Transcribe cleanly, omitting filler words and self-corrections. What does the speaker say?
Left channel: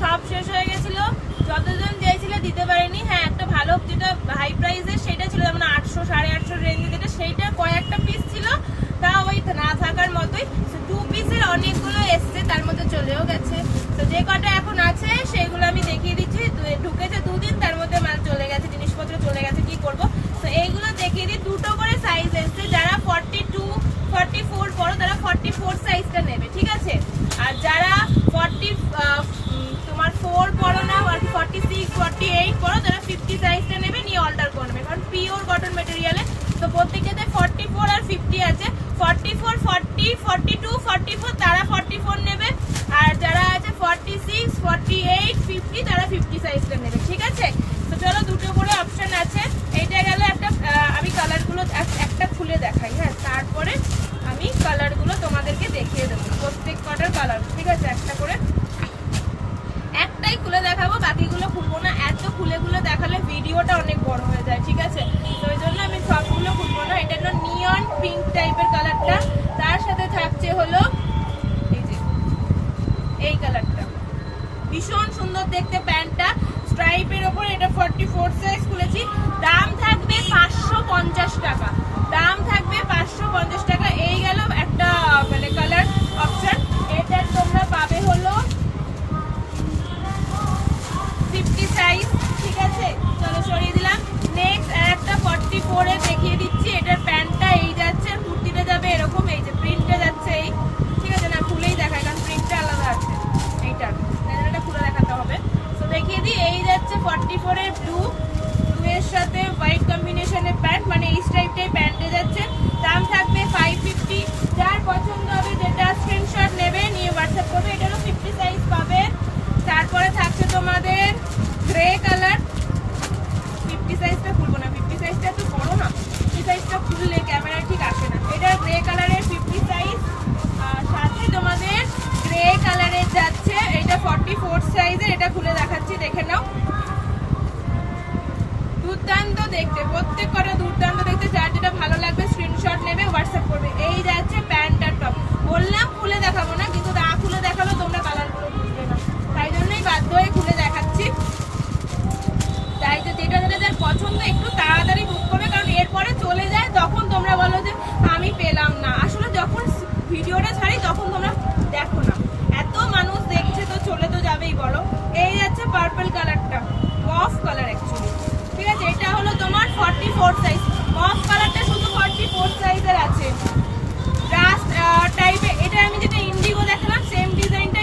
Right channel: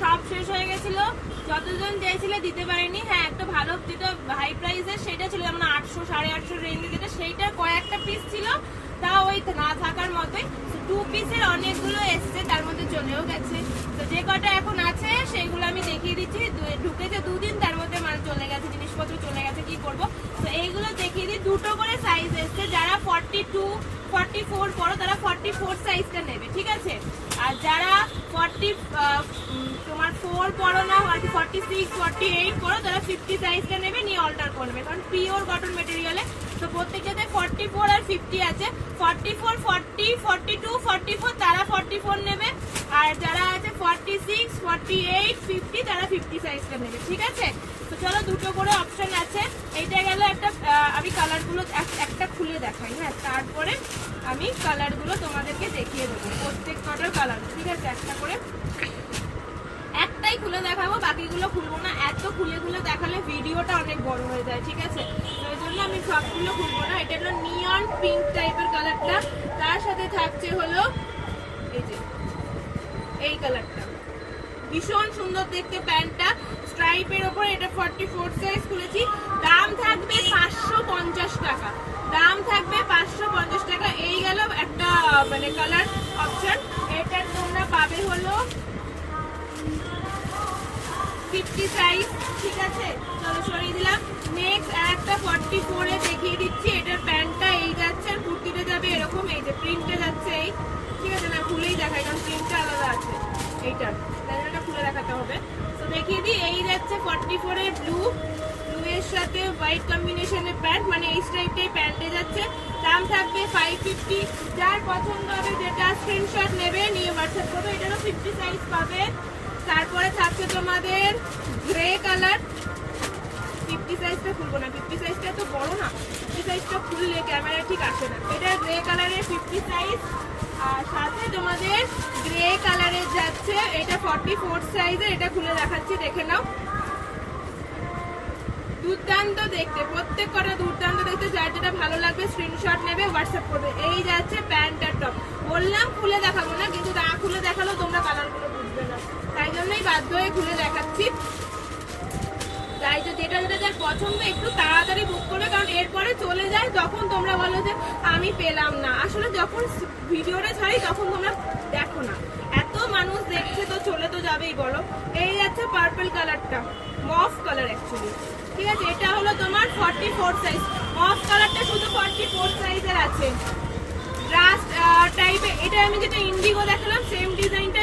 সব শেষ হয়ে গেছিল, যতজন দিয়েছিল দিতে পারেনি। হ্যাঁ, একটা ভালো যেটা হাই প্রাইসের সেটা ছিল, যেমন 800 850 রেঞ্জে যেটা, সেইটা কয়েকটা পিস ছিল, তা ওই না থাকার মতোই। 2 পিসের অনেকগুলো এসছে, তার মধ্যে চলেও গেছে। তো যে কটা এখন আছে সেগুলো আমি দেখিয়ে দিচ্ছি। ঢুকেছে 2 দিন, তার মধ্যে মাল চলে গেছে, জিনিসপত্র চলে গেছে, কি করব। তো এইগুলো দেখিয়ে দিই। 2টো করে সাইজ এসছে, যারা 42 44 পড়ো তারা 44 সাইজটা নেবে, ঠিক আছে। আর যারা 40 তোমার 4 পড়ো না, 46 48 পড়ো, তারা 50 সাইজটা নেবে, নিয়ে অল্টার করবে, কারণ পিওর কটন মেটেরিয়ালে। তো প্রত্যেকটাতে 44 আর 50 আছে। 44 40 42 44 তারা 44 নেবে, আর যারা আছে 46 48 50 তারা 50 সাইজটা নেবে, ঠিক আছে। তো চলো, 2টো করে অপশন আছে। এইটা গেল একটা। আমি কালারগুলো একটা খুলে দেখাই, হ্যাঁ, তারপরে আমি কালারগুলো তোমাদেরকে দেখিয়ে দেবো, প্রত্যেক কটার কালার, ঠিক আছে। একটা করে একটাই খুলে দেখাবো, বাকিগুলো খুলবো না। এত খুলে খুলে দেখালে ভিডিওটা অনেক বড় হয়ে যায়, ঠিক আছে। তো ওই জন্য আমি সবগুলো খুলবো না। এটা হলো নিয়ন পিঙ্ক টাইপের কালারটা, তার সাথে থাকছে হলো এই যে এই কালারটা, ভীষণ সুন্দর দেখতে প্যান্টটা, স্ট্রাইপের ওপর। এটা 44 সাইজ খুলেছি। দাম থাকবে 550 টাকা, দাম থাকবে 550 টাকা। এই গেল একটা মানে কালার অপশন। এটা তোমরা পাবে হলো 50 সাইজ, ঠিক আছে। চলো, সরিয়ে দিলাম। নেক্সট একটা 44 এ দেখিয়ে দিচ্ছি। এটার প্যান্টটা এই যাচ্ছে, আর কুর্তিটা যাবে এরকম, এই যে প্রিন্টটা যাচ্ছে এই, ঠিক আছে। না খুলেই দেখাই, কারণ প্রিন্টটা আলাদা আছে এইটা, এটা খুলে দেখাতে হবে। তো দেখিয়ে দিই, এই যাচ্ছে 44 এর ব্লু এর সাথে হোয়াইট কম্বিনেশনের প্যান্ট, মানে এই টাইপের প্যান্টে যাচ্ছে। দাম থাকবে 550। যার পছন্দ হবে যেটা স্ক্রিনশট নেবে, নিয়ে হোয়াটসঅ্যাপ করবে। এটারও 50 সাইজ পাবে। তারপরে থাকছে তোমাদের গ্রে কালার। 50 সাইজটা খুলবো না, 50 সাইজটা তো বড় না, 50 সাইজটা খুললে ক্যামেরা ঠিক আসে না। এটা গ্রে কালারের 50 সাইজ, আর সাথে তোমাদের গ্রে কালারের যাচ্ছে এটা 44 সাইজের। এটা খুলে দেখাচ্ছি, দেখে নাও। দুর্দান্ত দেখতে, প্রত্যেক কটা দুর্দান্ত দেখতে। যার যেটা ভালো লাগবে স্ক্রিনশট নেবে, হোয়াটসঅ্যাপ করবে। এই যাচ্ছে প্যান্ট আর টপ। বললাম খুলে দেখাবো না, কিন্তু না খুলে দেখালো তোমরা কালার বুঝবে না, তাই জন্যই বাধ্য হয়ে খুলে দেখাচ্ছি। তাই তো যেটা যেটা যার পছন্দ একটু তাড়াতাড়ি বুক করবে, কারণ এরপরে চলে যায়, তখন তোমরা বলো যে আমি পেলাম না। আসলে যখন ভিডিওটা ছাড়ি তখন তোমরা দেখো না, এত মানুষ দেখছে তো চলে তো যাবেই, বলো। এই যাচ্ছে পার্পল কালারটা, মফ কালার অ্যাকচুয়ালি, ঠিক আছে। এটা হলো তোমার 44 সাইজ। মফ কালারটা শুধু 44 সাইজের আছে। ব্রাশ টাইপের, এটা আমি যেটা ইন্ডিগো দেখালাম সেম ডিজাইনটা